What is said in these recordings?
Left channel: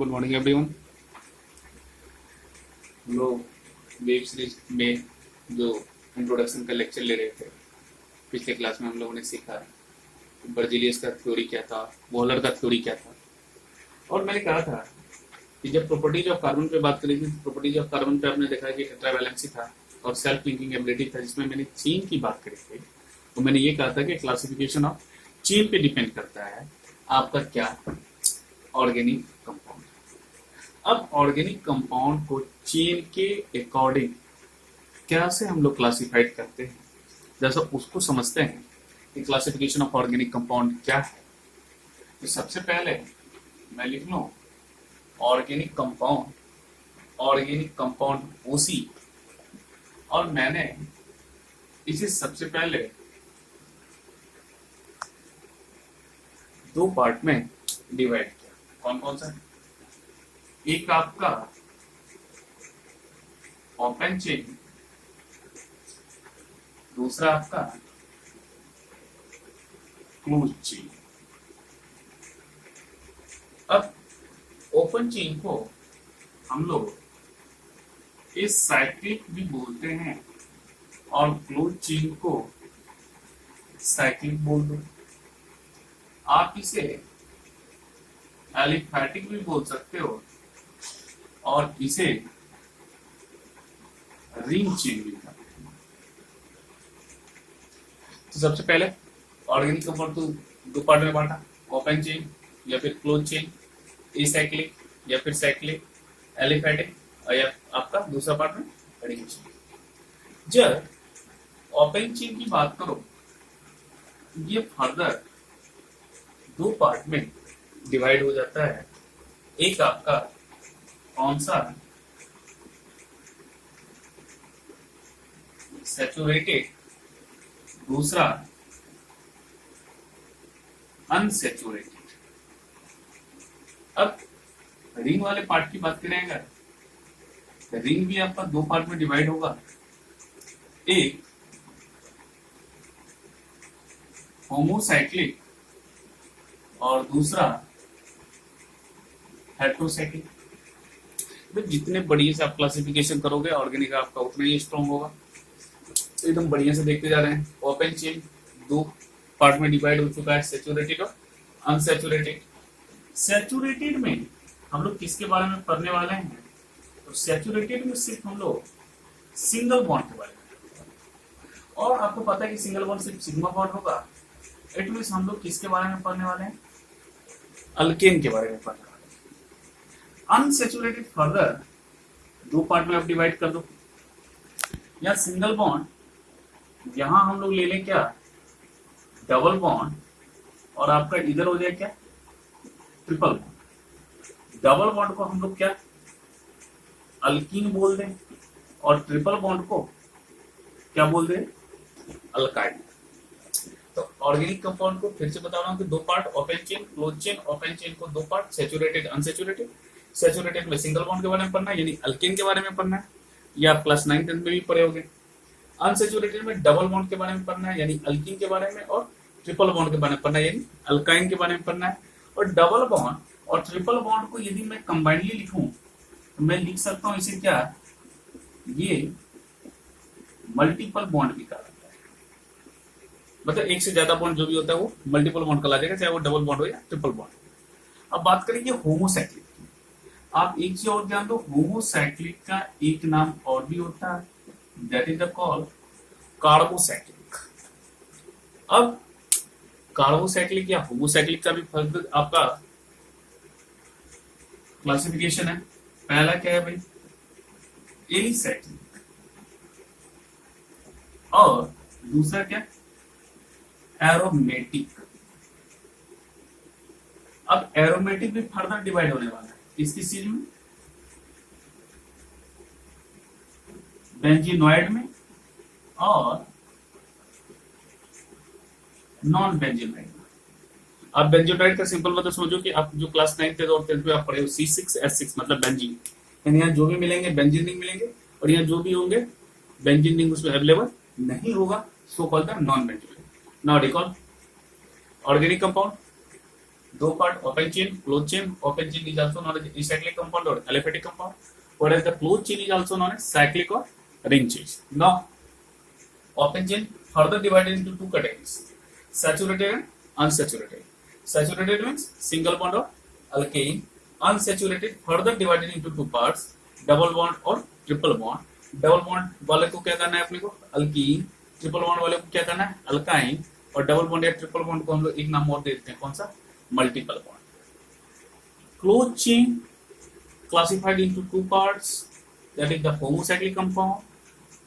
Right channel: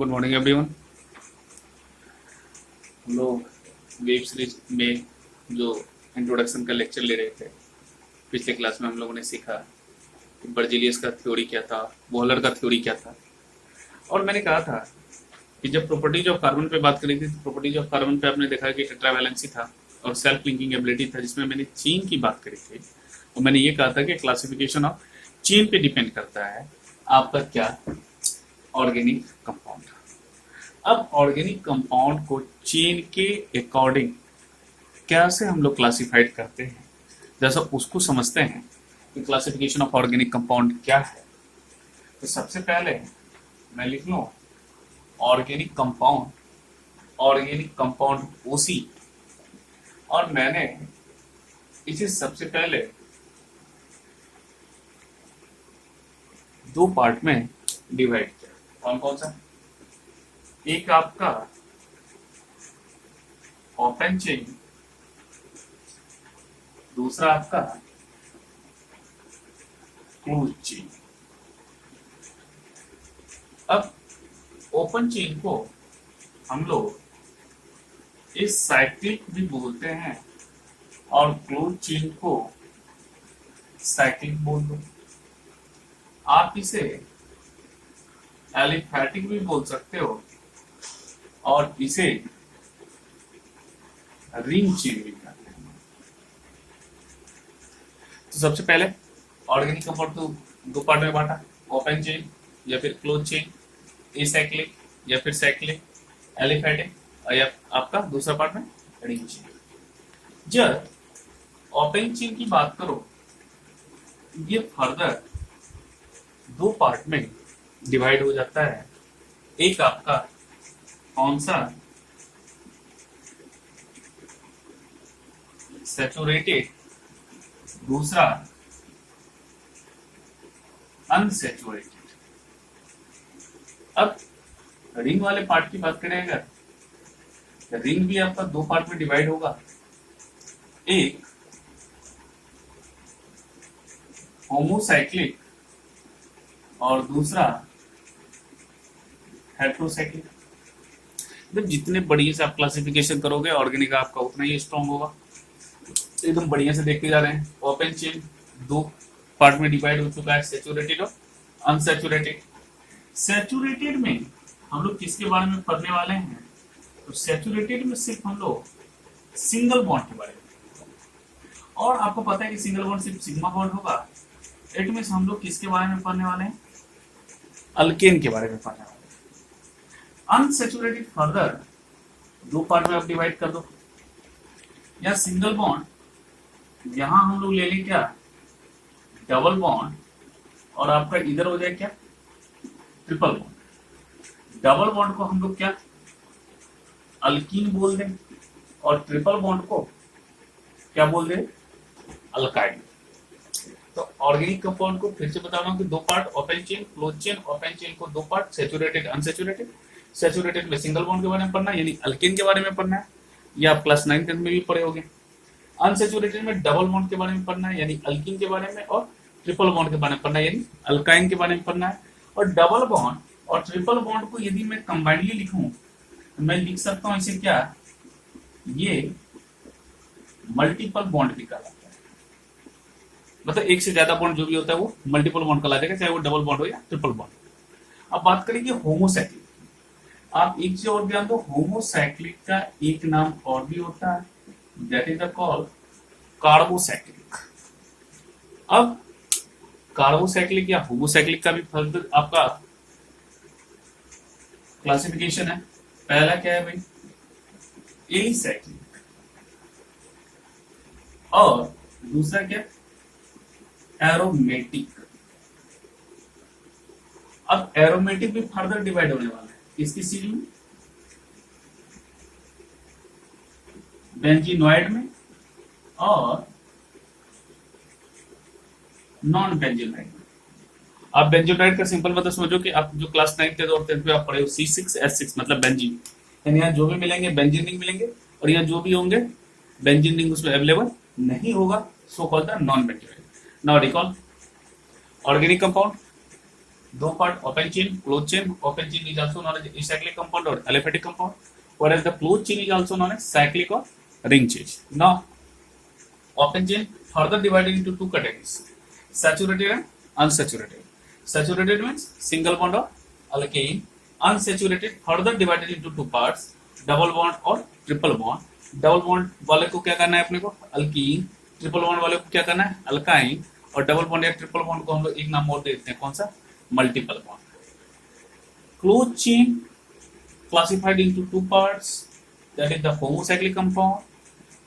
Good morning everyone. हम लोग web series में जो इंट्रोडक्शन का लेक्चर ले रहे थे, पिछले क्लास में हम लोगों ने सीखा कि बर्जीलियस का थ्योरी क्या था, वॉलर का थ्योरी क्या था। और मैंने कहा था कि जब प्रॉपर्टीज ऑफ कार्बन पे बात करी थी, प्रॉपर्टीज ऑफ कार्बन पे आपने देखा कि टेट्रावैलेंसी था और सेल्फ लिंकिंग एबिलिटी था, जिसमें मैंने चेन की बात करी थी। और मैंने ये कहा था कि क्लासिफिकेशन ऑफ चेन पे डिपेंड करता है आपका क्या, ऑर्गेनिक कंपाउंड। अब ऑर्गेनिक कंपाउंड को चेन के अकॉर्डिंग कैसे हम लोग क्लासिफाइड करते हैं, जैसा उसको समझते हैं कि क्लासिफिकेशन ऑफ ऑर्गेनिक कंपाउंड क्या है। तो सबसे पहले मैं लिख लूं ऑर्गेनिक कंपाउंड ओसी, और मैंने इसे सबसे पहले दो पार्ट में डिवाइड किया। कौन कौन सा? एक आपका ओपन चेन, दूसरा आपका क्लोज चेन। अब ओपन चेन को हम लोग इस साइक्लिक भी बोलते हैं और क्लोज चेन को साइक्लिक बोल दो। आप इसे एलिफैटिक भी बोल सकते हो और इसे रिंग चेन भी कहते हैं। तो सबसे पहले ऑर्गेनिक कंपाउंड को दो पार्ट में बांटा, ओपन चेन या फिर क्लोज चेन, एसाइक्लिक या फिर साइक्लिक, एलिफैटिक या आपका दूसरा पार्ट में रिंग चेन। जब ओपन चेन की बात करो, ये फर्दर दो पार्ट में डिवाइड हो जाता है। एक आपका कौन सा? सैचुरेटेड, दूसरा अनसैचुरेटेड। अब रिंग वाले पार्ट की बात करें अगर, रिंग भी आपका दो पार्ट में डिवाइड होगा। एक होमोसाइक्लिक और दूसरा हेट्रोसाइक्लिक। तो जितने बढ़िया से आप क्लासिफिकेशन करोगे ऑर्गेनिक आपका उतना ही स्ट्रॉन्ग होगा। एकदम बढ़िया से देखते जा रहे हैं। ओपन चेन दो पार्ट में डिवाइड हो चुका है, सैचुरेटेड और अनसैचुरेटेड। सैचुरेटेड में हम लोग किसके बारे में पढ़ने वाले हैं? तो सैचुरेटेड में सिर्फ हम लोग सिंगल बॉन्ड के बारे में, और आपको पता है कि सिंगल बॉन्ड सिर्फ सिग्मा बॉन्ड होगा। इट मींस हम लोग किसके बारे में पढ़ने वाले हैं? अल्केन के बारे में पढ़ने वाले हैं। अनसैचुरेटेड फर्दर दो पार्ट में आप डिवाइड कर दो। या सिंगल बॉन्ड, यहां हम लोग ले लें क्या, डबल बॉन्ड, और आपका इधर हो जाए क्या, ट्रिपल बॉन्ड। डबल बॉन्ड को हम लोग क्या, अल्कीन बोल दें, और ट्रिपल बॉन्ड को क्या बोल दें, अल्काइन। तो ऑर्गेनिक कंपाउंड को फिर से बता रहा हूं कि दो part, open chain, close chain. Open chain को दो पार्ट, सैचुरेटेड, अनसैचुरेटेड। सैचुरेटेड में सिंगल बॉन्ड के बारे में पढ़ना है, यानी अल्केन के बारे में पढ़ना है, ये आप क्लास 9 10 में भी पढ़े होंगे। अनसैचुरेटेड में डबल बॉन्ड के बारे में पढ़ना है, यानी अल्कीन के बारे में, और ट्रिपल बॉन्ड के बारे में पढ़ना है, यानी अल्काइन के बारे में पढ़ना है। और डबल बॉन्ड और ट्रिपल बॉन्ड को यदि मैं कंबाइनली लिखूं तो मैं लिख सकता हूं इसे क्या, ये मल्टीपल बॉन्ड भी कहलाता है। मतलब एक से ज्यादा बॉन्ड जो भी होता है वो मल्टीपल बॉन्ड कहला जाएगा, चाहे वो डबल बॉन्ड हो या ट्रिपल बॉन्ड। अब बात करेंगे होमोसाइक्लिक। आप एक चीज और ध्यान दो, होमोसाइक्लिक का एक नाम और भी होता है, that is the call carbocyclic. अब कार्बोसाइक्लिक या होमोसाइक्लिक का भी फर्क आपका क्लासिफिकेशन है। पहला क्या है भाई, एलिसाइक्लिक, और दूसरा क्या, एरोमेटिक। अब एरोमेटिक भी फर्दर डिवाइड होने वाला है किस चीज में, बेंजीनॉइड में और नॉन बेंजीनॉइड में। आप बेंजीनॉइड का सिंपल मतलब समझो कि आप जो क्लास 9 और 10 में आप पढ़े हो, C6H6 मतलब बेंजीन, यानी यहाँ जो भी मिलेंगे बेंजीन रिंग मिलेंगे, और यहाँ जो भी होंगे बेंजीन रिंग उसमें अवेलेबल नहीं होगा, so called the non benzene. Now recall organic compound, दो part open chain, close chain. Open chain is also known as acyclic compound or aliphatic compound, whereas the closed chain is also known as cyclic or ring chain. Now open chain further divided into two categories: saturated and unsaturated. Saturated means single bond or alkane. Unsaturated further divided into two parts: double bond और triple bond. Double bond वाले को क्या करना है अपने को alkyne, triple bond वाले को क्या करना है अल्काइन, और डबल बॉन्ड या ट्रिपल बॉन्ड को हम लोग एक नाम और देते हैं कौन सा, multiple bond. Close chain classified into two parts, that is the homocyclic compound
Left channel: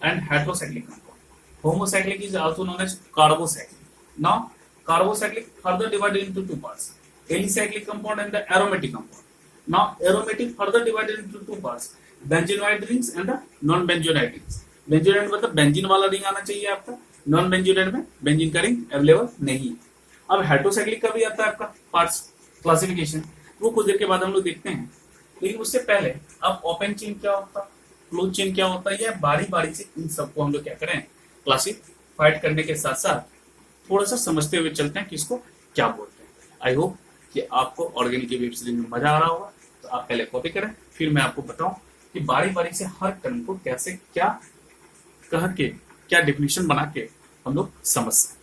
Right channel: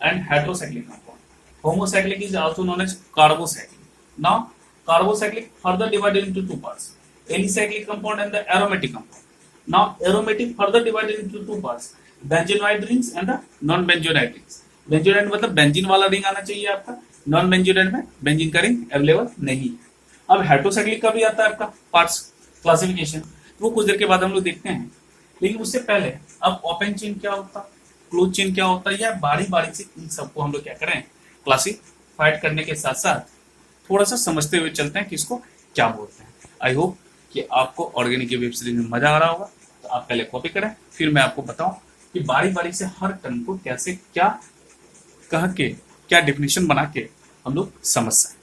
and heterocyclic compound. Homocyclic is also known as carbocyclic. Now carbocyclic further divided into two parts: alicyclic compound and the aromatic compound. Now aromatic further divided into two parts: benzenoid rings and the non-benzenoid rings. Benzenoid मतलब benzene वाला ring आना चाहिए आपका, non benzenoid में benzene का ring available नहीं. अब heterocyclic का भी आता है आपका पार्ट्स क्लासिफिकेशन, वो कुछ देर के बाद हम लोग देखते हैं. लेकिन उससे पहले अब ओपन चेन क्या होता है, क्लोज चेन क्या होता है, या बारी बारी से इन सबको हम लोग क्या करें क्लासिफाइड करने के साथ साथ थोड़ा सा समझते हुए चलते हैं कि इसको क्या बोलते हैं. आई होप कि आपको ऑर्गेनिक की वेब सीरीज में मजा आ रहा होगा. तो आप पहले कॉपी करें, फिर मैं आपको बताऊं कि बारी बारी से हर टर्म को कैसे क्या कह के क्या डेफिनेशन बना के हम लोग समझ सकते हैं.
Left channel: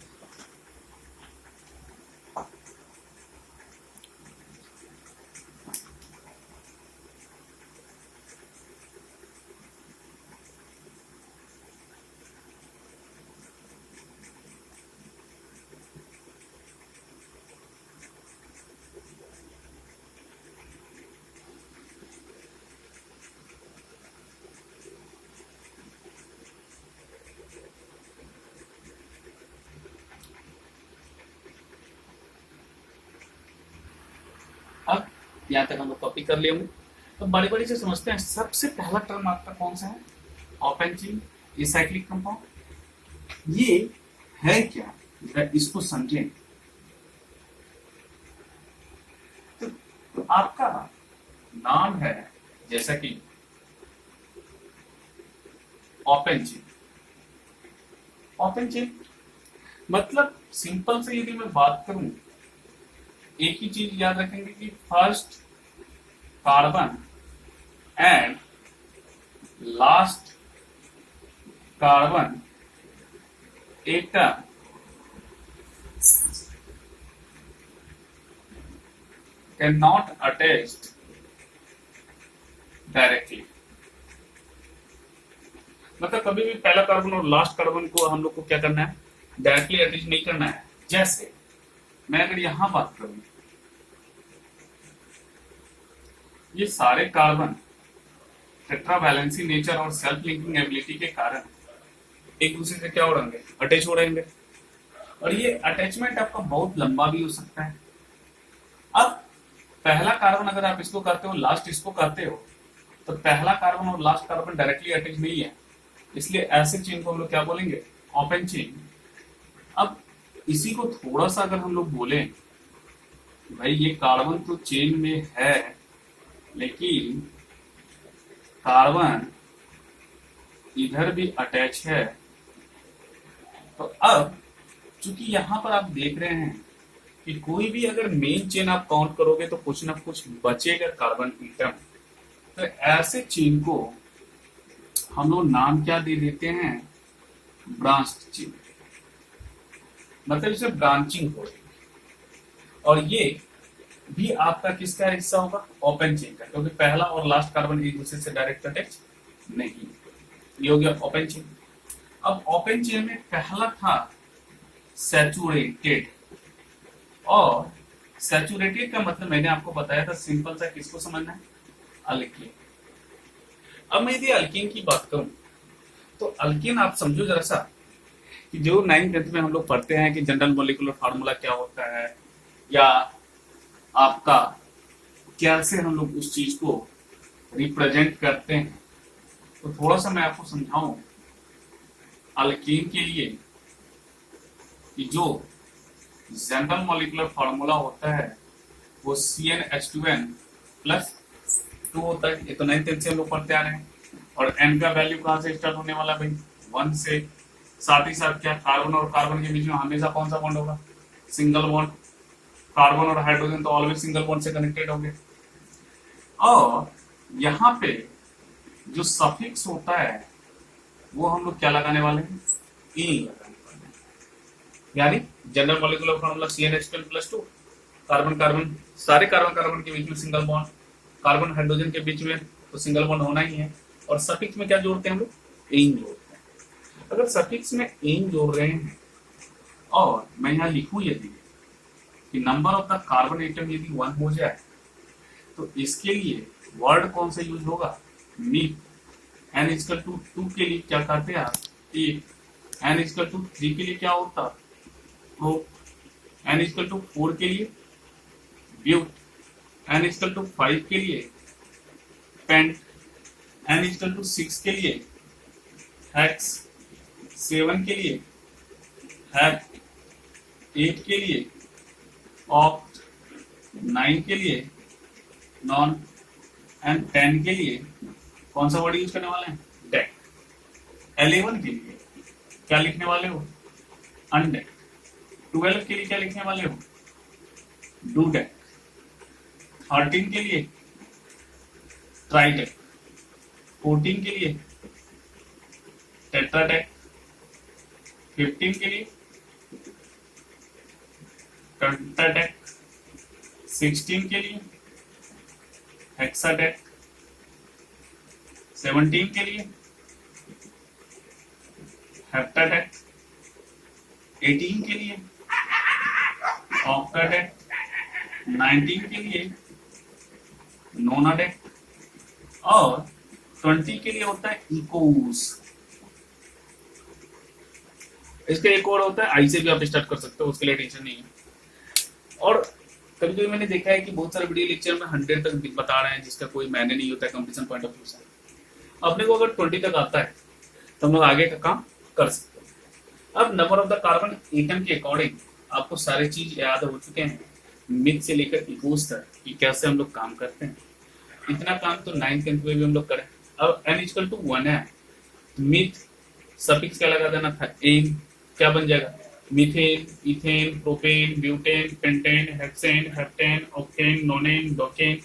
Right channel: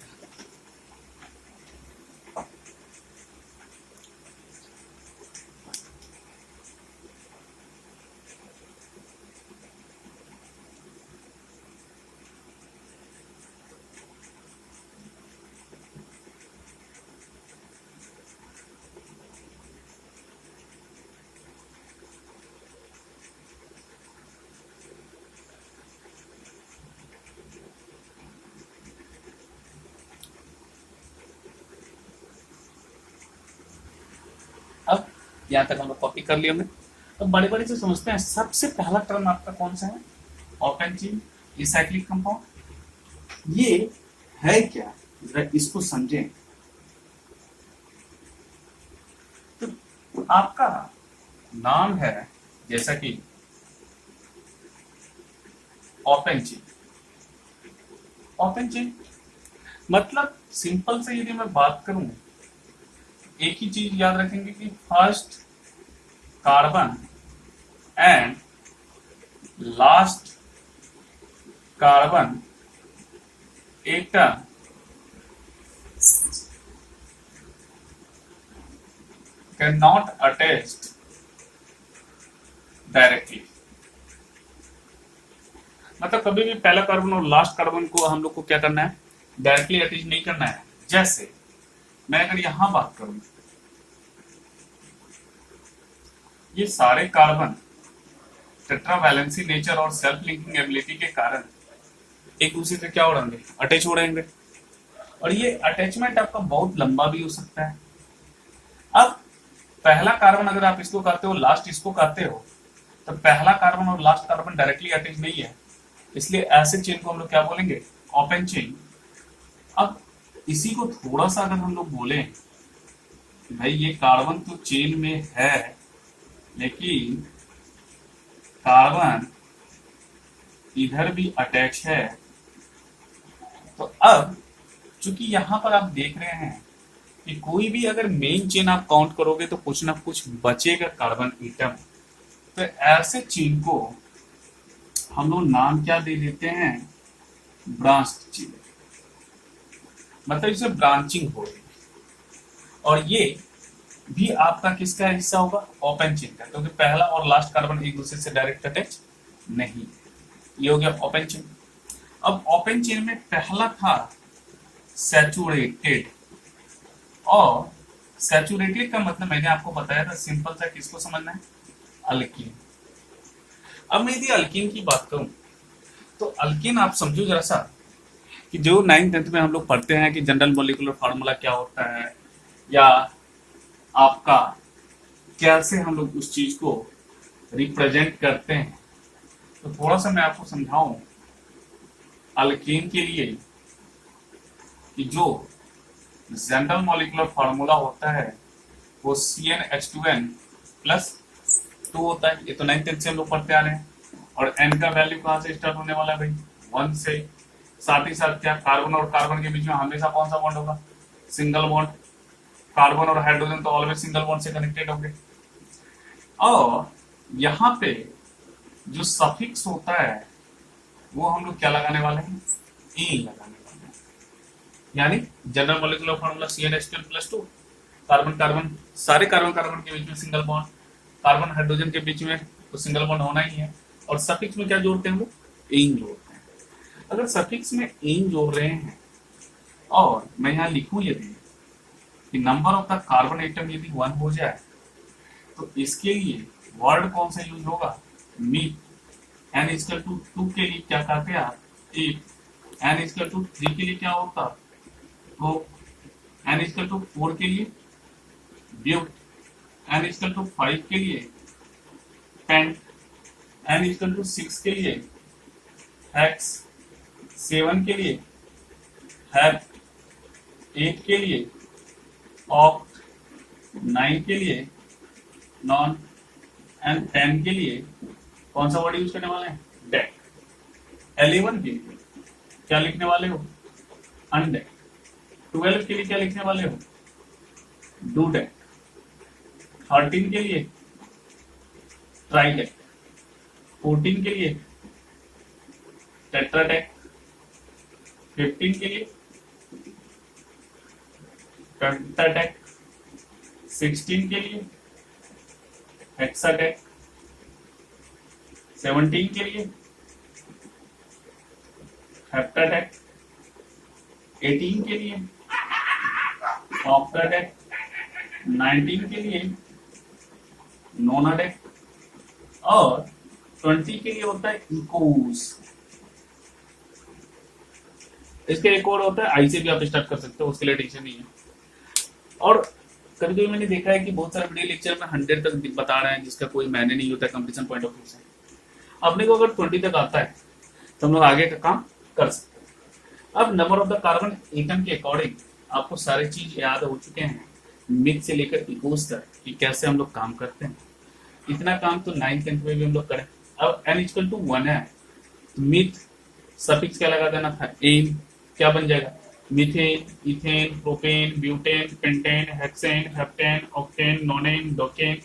अब यहाँ तक हम लोग कॉपी कर लिए हमने. अब बड़ी बड़ी से समझते हैं. सबसे पहला टर्म आपका कौन सा है, ओपन चेन एसाइक्लिक कंपाउंड. ये है क्या, जरा इसको समझें. तो आपका नाम है जैसा कि ओपन चेन. ओपन चेन मतलब सिंपल से यदि मैं बात करूं, एक ही चीज याद रखेंगे कि first carbon and last carbon एक कैन नॉट अटैच्ड डायरेक्टली. मतलब कभी भी पहला कार्बन और लास्ट कार्बन को हम लोग को क्या करना है, डायरेक्टली अटैच नहीं करना है. जैसे मैं अगर यहां बात करूं, ये सारे कार्बन टेट्रावैलेंसी नेचर और सेल्फ लिंकिंग एबिलिटी के कारण एक दूसरे से क्या उड़ेंगे, अटैच हो रहेंगे. और ये अटैचमेंट आपका बहुत लंबा भी हो सकता है. अब पहला कार्बन अगर आप इसको करते हो, लास्ट इसको करते हो, तो पहला कार्बन और लास्ट कार्बन डायरेक्टली अटैच नहीं है, इसलिए ऐसे चेन को हम लोग क्या बोलेंगे, ओपन चेन. अब इसी को थोड़ा सा अगर हम लोग बोलें कि भाई ये कार्बन तो चेन में है, लेकिन कार्बन इधर भी अटैच है, तो अब चूंकि यहां पर आप देख रहे हैं कि कोई भी अगर मेन चेन आप काउंट करोगे तो कुछ ना कुछ बचेगा कार्बन एटम. तो ऐसे चेन को हम लोग नाम क्या दे देते हैं, ब्रांच्ड चेन. मतलब इसे ब्रांचिंग हो रही है. और ये भी आपका किसका हिस्सा होगा, ओपन चेन का, क्योंकि पहला और लास्ट कार्बन एक दूसरे से डायरेक्ट अटैच नहीं. ये हो गया ओपन चेन. अब ओपन चेन में पहला था सैचुरेटेड, और सैचुरेटेड का मतलब मैंने आपको बताया था सिंपल सा, किसको समझना है, अल्कीन. अब मैं यदि अल्कीन की बात करूं तो अल्कीन आप समझो जरा सा कि जो 9th-10th में हम लोग पढ़ते हैं कि जनरल मॉलिक्यूलर फार्मूला क्या होता है, या आपका कैसे हम लोग उस चीज को रिप्रेजेंट करते हैं. तो थोड़ा सा मैं आपको समझाऊं अल्कीन के लिए कि जो जनरल मॉलिक्यूलर फार्मूला होता है वो CnH2n प्लस 2 होता है. ये तो 9th-10th से हम लोग पढ़ते आ रहे हैं. और n का वैल्यू कहां से स्टार्ट होने वाला है भाई, 1 से. साथ ही साथ क्या कार्बन और कार्बन के बीच में हमेशा कौन सा बॉन्ड होगा, सिंगल बॉन्ड. कार्बन और हाइड्रोजन तो ऑलवेज सिंगल बॉन्ड से कनेक्टेड होंगे। और यहाँ पे जो सफिक्स होता है वो हम लोग क्या लगाने वाले हैं, ए लगाने वाले हैं। यानी general molecular formula CnH2n+2, carbon carbon, सारे कार्बन कार्बन के बीच में सिंगल बॉन्ड, कार्बन हाइड्रोजन के बीच में तो सिंगल बॉन्ड होना ही है। और सफिक्स में क्या जोड़ते हैं हम लोग, एन जोड़ते हैं। अगर सफिक्स में एन जोड़ रहे हैं और मैं यहाँ लिखूं यदि कि number of the carbon atom यदि 1 हो जाए तो इसके लिए वर्ड कौन सा यूज होगा, मीट। n=2 के लिए क्या करते हैं आप, 8। n=3 के लिए क्या होता, प्रोप। n=4 के लिए ब्यूट। n=5 के लिए पेंट। n=6 के लिए हेक्स। 7 के लिए हेप। 8 के लिए ऑक्ट। 9 के लिए नॉन। एंड 10 के लिए कौन सा वर्ड यूज करने वाले हैं, डेक। 11 के लिए क्या लिखने वाले हो, अनडेक। 12 के लिए क्या लिखने वाले हो, डू डेक। 13 के लिए ट्राइडेक। 14 के लिए टेट्राडेक। 15 के लिए पेंटाडेक। 16 के लिए हेक्साडेक। 17 के लिए हेप्टाडेक। 18 के लिए ऑक्टाडेक। 19 के लिए नोनाडेक। और 20 के लिए होता है इकोस। इसका एक और होता है, आई से भी आप स्टार्ट कर सकते हो, उसके लिए टेंशन नहीं है। और कभी कभी मैंने देखा है कि बहुत सारे वीडियो लेक्चर में 100 तक बता रहे हैं, जिसका कोई मायने नहीं होता है कंपटीशन पॉइंट ऑफ व्यू से। अपने को अगर 20 तक आता है तो हम लोग आगे का काम कर सकते हैं। अब number of the carbon atom के अकॉर्डिंग आपको सारी चीज याद हो चुके हैं, मिथ से लेकर इकोस तक कि कैसे हम लोग काम करते हैं। इतना काम तो 9th 10th में भी हम लोग करें। अब n=1 है, मिथ सफिक्स क्या लगा देना था, एन। क्या बन जाएगा, methane, ethane, propane, butane, pentane, hexane, heptane, octane, nonane, decane,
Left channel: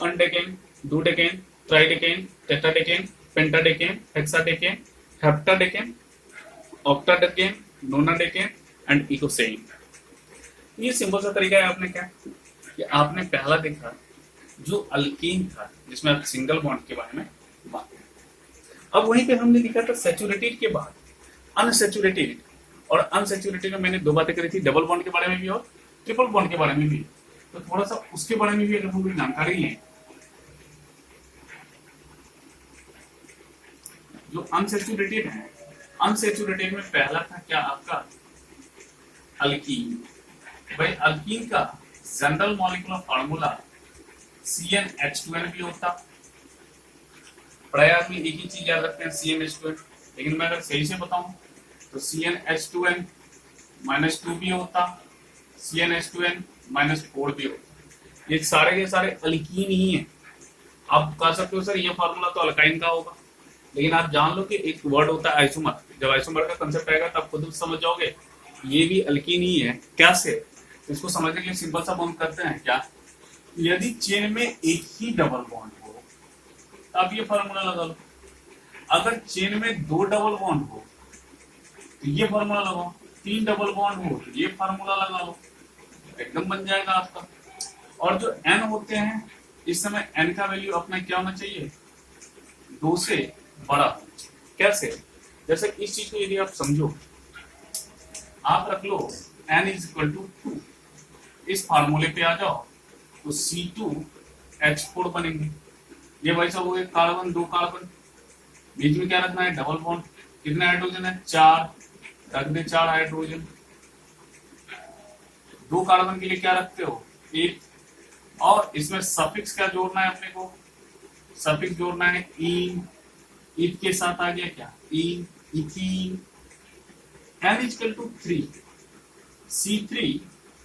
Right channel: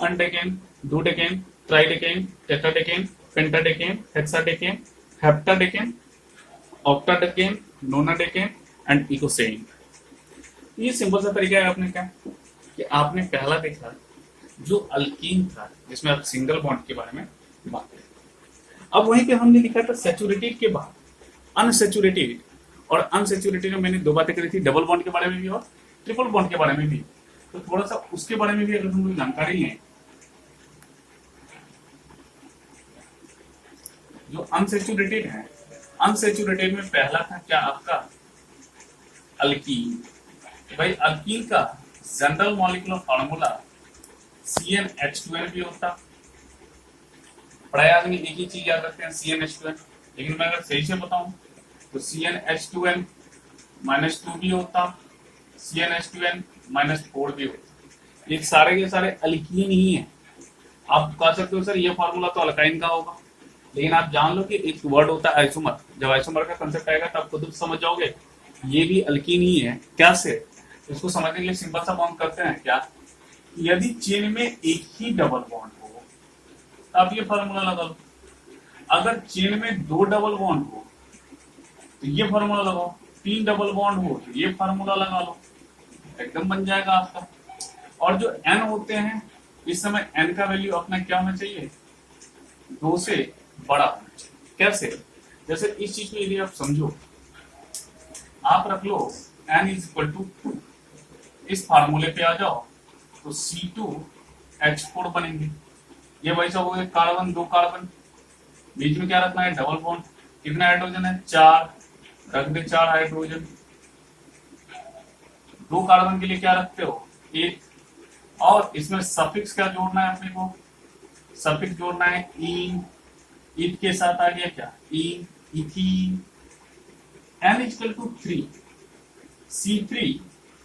undecane, dodecane, tridecane, tetradecane, pentadecane, hexadecane, heptadecane, octadecane, nonadecane and eicosane. ये सिंपल सा तरीका है। आपने क्या कि आपने पहला देखा जो अल्कीन था, जिसमें आप सिंगल बॉन्ड के बारे में बात करें। अब वहीं पे हमने लिखा था सैचुरेटेड के बाद अनसैचुरेटेड, और अनसैचुरेटेड में मैंने 2 बातें करी थी, डबल बॉन्ड के बारे में भी और ट्रिपल बॉन्ड के बारे में भी। तो थोड़ा सा उसके बारे में भी अगर हम जानकारी लें, जो अनसैचुरेटेड है, अनसैचुरेटेड में पहला था क्या आपका, अल्कीन। भाई अल्कीन का जनरल मॉलिक्यूलर फार्मूला CnH2n भी होता। प्राय आदमी एक ही चीज याद रखते हैं, CnH2n, लेकिन मैं अगर सही से बताऊं तो CnH2n -2 भी होता, CnH2n -4 भी होता। ये सारे के सारे अल्कीन ही हैं। आप कह सकते हो सर ये फार्मूला तो अल्काइन का होगा, लेकिन आप जान लो कि एक वर्ड होता है आइसोमर। जब आइसोमर का कंसेप्ट आएगा तब खुद समझ जाओगे ये भी अल्कीन ही है। क्या से, इसको समझने के लिए सिंपल सा बॉन्ड करते हैं क्या, यदि चेन में एक ही डबल बॉन्ड हो तब ये फार्मूला लगा लो। अगर चेन में 2 डबल बॉन्ड हो तो ये फार्मूला लगाओ, 3 डबल बॉन्ड हो तो ये फार्मूला लगा लो, एकदम बन जाएगा आपका। और जो n होते हैं, इस समय n का वैल्यू अपना क्या होना चाहिए, 2 से बड़ा होना चाहिए। कैसे, जैसे इस चीज को यदि आप समझो, आप रख लो n=2, इस फार्मूले पे आ जाओ तो C2H4 बनेंगे। ये वैसा हो गया कार्बन, 2 कार्बन, बीच में क्या रखना है, डबल बॉन्ड। कितने हाइड्रोजन है, 4, रख दे 4 हाइड्रोजन। 2 कार्बन के लिए क्या रखते हो, 1। और इसमें सफिक्स क्या जोड़ना है अपने को, सफिक्स जोड़ना है इन। इत के साथ आ गया क्या, इन, इथीन। n=3, C3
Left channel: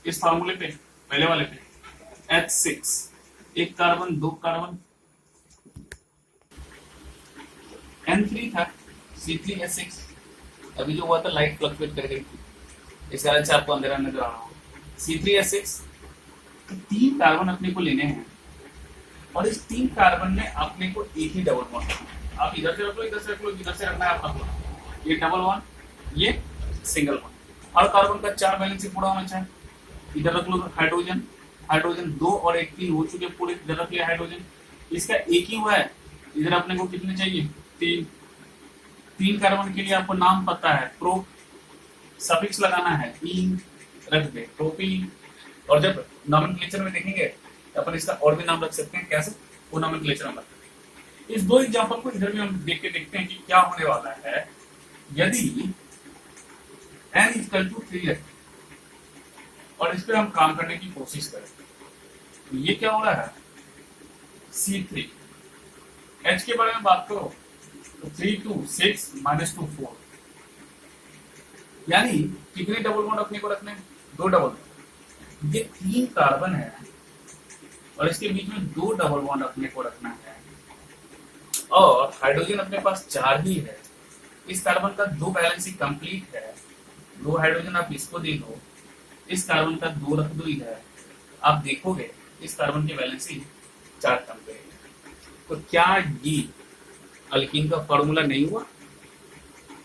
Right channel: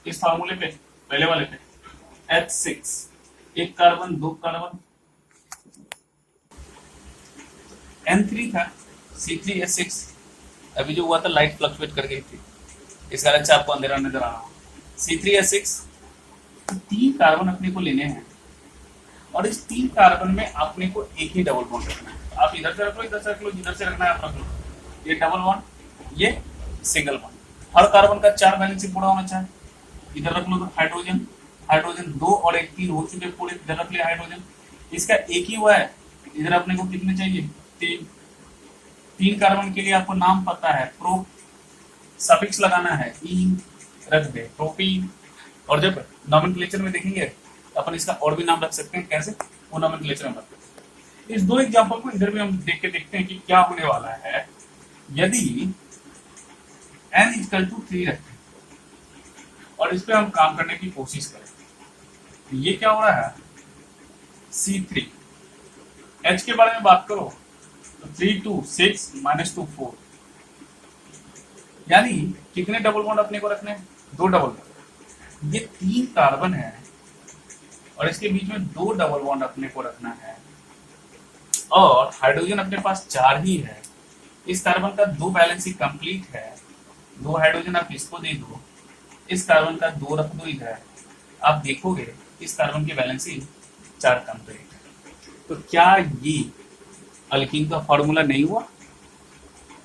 इस फार्मूले पे, पहले वाले पे, H6, 1 कार्बन, 2 कार्बन, N3 था, C3H6। अभी जो हुआ था लाइट फ्लक्चुएट कर गई थी, इस कारण से आपको अंधेरा नजर आ रहा है। C3H6 तो 3 कार्बन अपने को लेने हैं और इस 3 कार्बन में अपने को एक ही डबल बॉन्ड रखना है। आप इधर से रख लो, इधर से रख लो, जिधर से रखना है अपना को। ये डबल बॉन्ड, ये सिंगल बॉन्ड। हर कार्बन का 4 वैलेंसी पूरा होना चाहिए। इधर रख लो हाइड्रोजन, हाइड्रोजन 2 और 1 3 हो चुके पूरे। इधर रख लिया हाइड्रोजन, इसका एक ही हुआ है। इधर अपने को कितने चाहिए? 3 कार्बन के लिए आपको नाम पता है, प्रो सफिक्स लगाना है, इन रख दे, प्रोपीन। और जब नॉमेनक्लेचर में देखेंगे अपन इसका और भी नाम रख सकते हैं। कैसे? वो नॉमेनक्लेचर में रखते हैं। इस 2 एग्जांपल को इधर भी हम देख के देखते हैं कि क्या होने वाला है यदि n इक्वल टू 3 रखें और इस पे हम काम करने की कोशिश करें। ये क्या हो रहा है? C3। H के बारे में बात करो तो 3 2 6 -2 4, यानी कितने डबल बॉन्ड अपने को रखने हैं? 2 डबल बॉन्ड। ये 3 कार्बन है और इसके बीच में 2 डबल बॉन्ड अपने को रखना है और हाइड्रोजन अपने पास 4 ही है। इस कार्बन का 2 बैलेंस ही कंप्लीट है। 2 हाइड्रोजन आप इसको दे दो, इस कार्बन का 2 रख दो इधर, आप देखोगे इस कार्बन की बैलेंस ही 4 कंप्लीट। तो क्या ये अल्कीन का फॉर्मूला नहीं हुआ?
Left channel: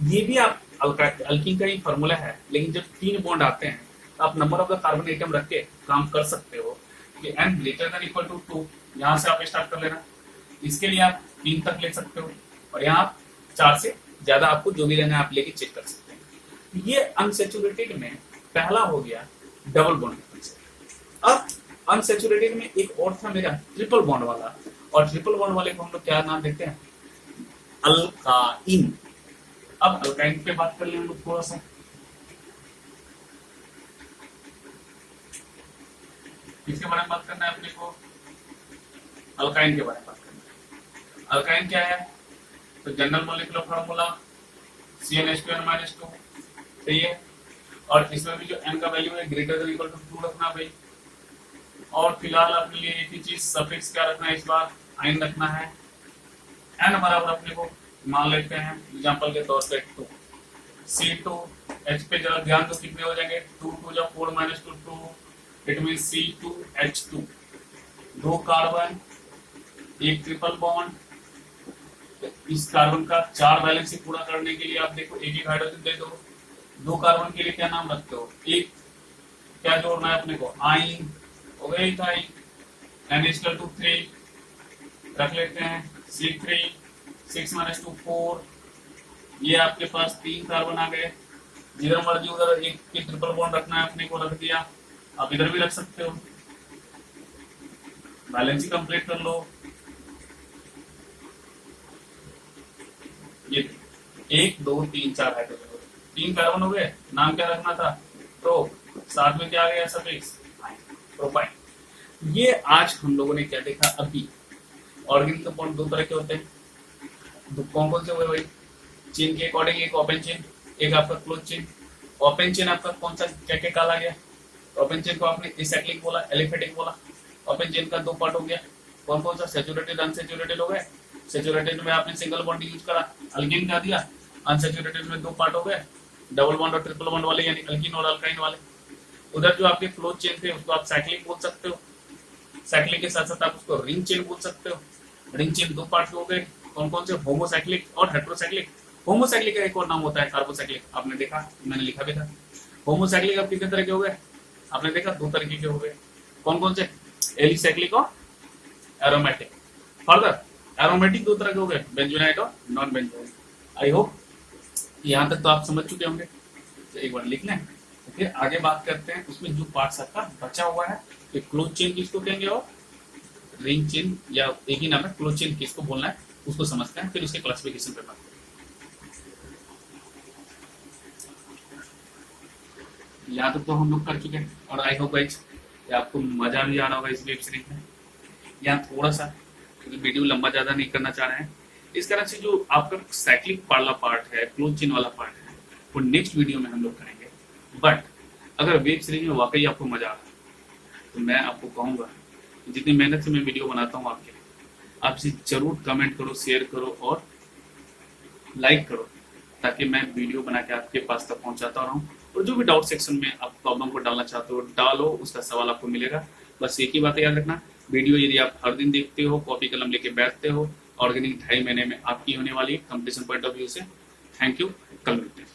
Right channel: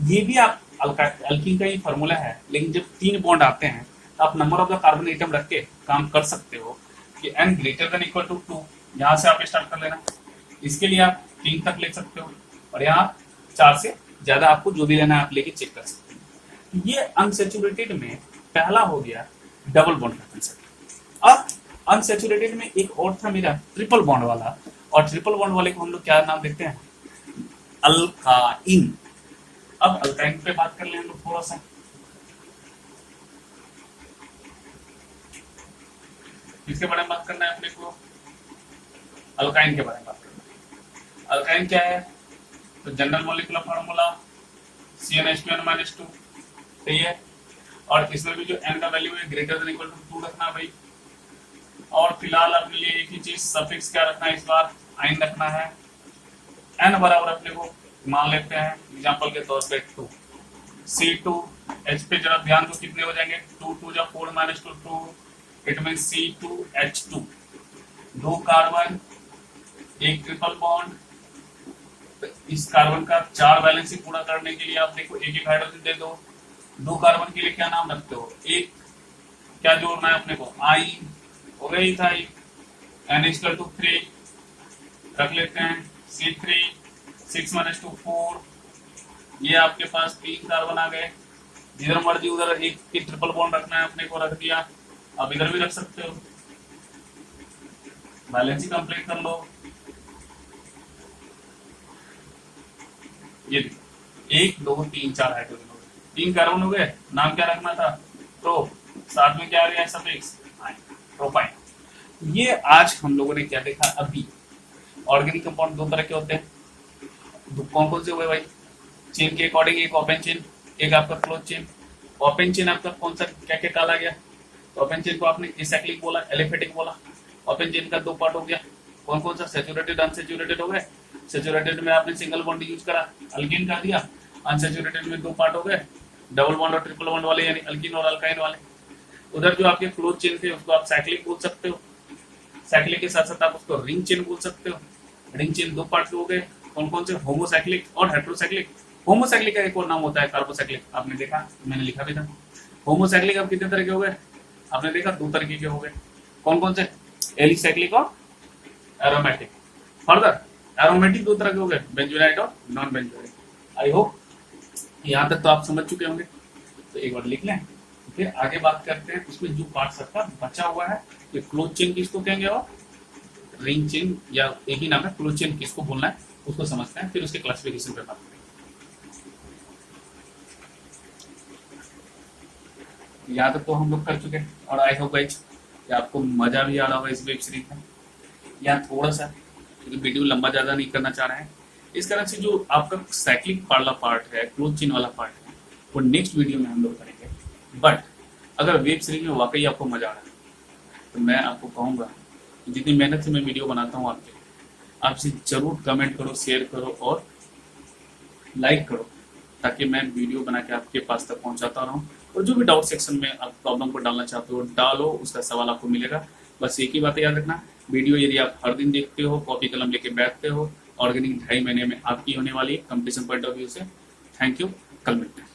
ये भी आप अल्कीन का ही फॉर्मूला है, लेकिन जब 3 बॉन्ड आते हैं आप number of the carbon atom रख के काम कर सकते हो कि n greater than equal to 2, यहां से आप स्टार्ट कर लेना। इसके लिए आप 3 तक ले सकते हो और यहाँ 4 से ज्यादा आपको जो भी लेना है आप लेके चेक कर सकते हैं। ये अनसेचुरेटेड में पहला हो गया डबल बॉन्ड का। अब अनसेचुरेटेड में एक और था मेरा ट्रिपल बॉन्ड वाला, और ट्रिपल बॉन्ड वाले को हम लोग क्या नाम देते हैं? अल्काइन। अब अल्काइन पे बात कर ले हम लोग थोड़ा सा। किसके बारे में बात करना है अपने को? अल्काइन के बारे में बात करना है। अल्काइन क्या है? तो जनरल मॉलिक्यूलर फार्मूला CnH2n-2, सही है। और इसमें भी जो n का वैल्यू है ग्रेटर देन इक्वल टू 2 रखना भाई। और फिलहाल अपने लिए एक ही चीज सफिक्स क्या रखना है इस बार? आइन रखना है। n बराबर अपने को मान लेते हैं एग्जांपल के तौर पे 2। C2H पे जरा ध्यान दो कितने हो जाएंगे? 2 2 जा 4 -2 2, इट मीन C2H2। 2 कार्बन, एक ट्रिपल बॉन्ड। तो इस कार्बन का 4 वैलेंसी पूरा करने के लिए आप देखो एक एक हाइड्रोजन दे दो। 2 कार्बन के लिए क्या नाम रखते हो? एक क्या जोड़ना है अपने को? आइन हो गई था। N=3 रख लेते हैं। C3 6 -2 4, ये आपके पास 3 कार्बन आ गए। जिधर मर्जी उधर एक की ट्रिपल बॉन्ड रखना है अपने को, रख दिया। आप इधर भी रख सकते हो, बैलेंस ही कंप्लीट कर लो। ये 1 2 3 4 हाइड्रोजन हो गए, 3 कार्बन हो गए। नाम क्या रखना था? प्रो, साथ में क्या आ गया? Suffix propyne. ये आज हम लोगों ने क्या देखा? अभी ऑर्गेनिक कंपाउंड 2 तरह के होते हैं। कौन कौन से हुए भाई? चेन के अकॉर्डिंग एक ओपन चेन, एक आपका क्लोज चेन। ओपन चेन आपका कौन सा क्या क्या काला गया? ओपन चेन को आपने एसाइक्लिक बोला, एलिफेटिक बोला। ओपन चेन का 2 पार्ट हो गया। कौन कौन सा? सैचुरेटेड, अनसैचुरेटेड हो गए। सैचुरेटेड में आपने सिंगल बॉन्ड यूज करा, अल्कीन का दिया। अनसैचुरेटेड में 2 पार्ट हो गए, डबल बॉन्ड और ट्रिपल बॉन्ड वाले, यानी अल्कीन और अल्काइन वाले। उधर जो आपके क्लोज चेन थे उसको आप साइक्लिक बोल सकते हो। साइक्लिक के साथ साथ आप उसको रिंग चेन बोल सकते हो। रिंग चेन 2 पार्ट के हो गए। कौन कौन से? होमोसाइक्लिक और हेट्रोसाइक्लिक। होमोसाइक्लिक का एक और नाम होता है कार्बोसाइक्लिक, आपने देखा, मैंने लिखा भी था। होमोसाइक्लिक अब कितने तरह के हो गए? आपने देखा 2 तरीके के हो गए। कौन कौन से? एलिसाइक्लिक और एरोमेटिक। फर्दर एरोमेटिक 2 तरह के हो गए, बेंजोनाइट और नॉन बेंजोनाइट। आई होप यहाँ तक तो आप समझ चुके होंगे। तो एक बार लिख लें, तो फिर आगे बात करते हैं। उसमें जो पार्ट सबका बचा हुआ है, तो क्लोज चेन किसको कहेंगे और रिंग चेन, या एक ही नाम है क्लोज चेन किसको बोलना है उसको समझते हैं, फिर उसके क्लासिफिकेशन पे बात करें। यहाँ तक तो हम लोग कर चुके हैं और आई होप गाइस आपको मजा भी आ रहा होगा इस वेब सीरीज में। यहाँ थोड़ा सा वीडियो लंबा ज्यादा नहीं करना चाह रहे हैं, इस कारण से जो आपका साइक्लिक वाला पार्ट है, क्लोज चेन वाला पार्ट है, वो नेक्स्ट वीडियो में हम लोग करेंगे। बट अगर वेब सीरीज में वाकई आपको मजा आ रहा है तो मैं आपको कहूंगा जितनी मेहनत से मैं वीडियो बनाता हूँ आपसे जरूर कमेंट करो, शेयर करो और लाइक करो, ताकि मैं वीडियो बना के आपके पास तक पहुंचाता रहूं। और जो भी डाउट सेक्शन में आप प्रॉब्लम को डालना चाहते हो डालो, उसका सवाल आपको मिलेगा। बस एक ही बात याद रखना, वीडियो यदि आप हर दिन देखते हो, कॉपी कलम लेके बैठते हो, ऑर्गेनिक 2.5 महीने में आपकी होने वाली है कंप्लीशन पॉइंट ऑफ व्यू से। थैंक यू, कल मिलते हैं।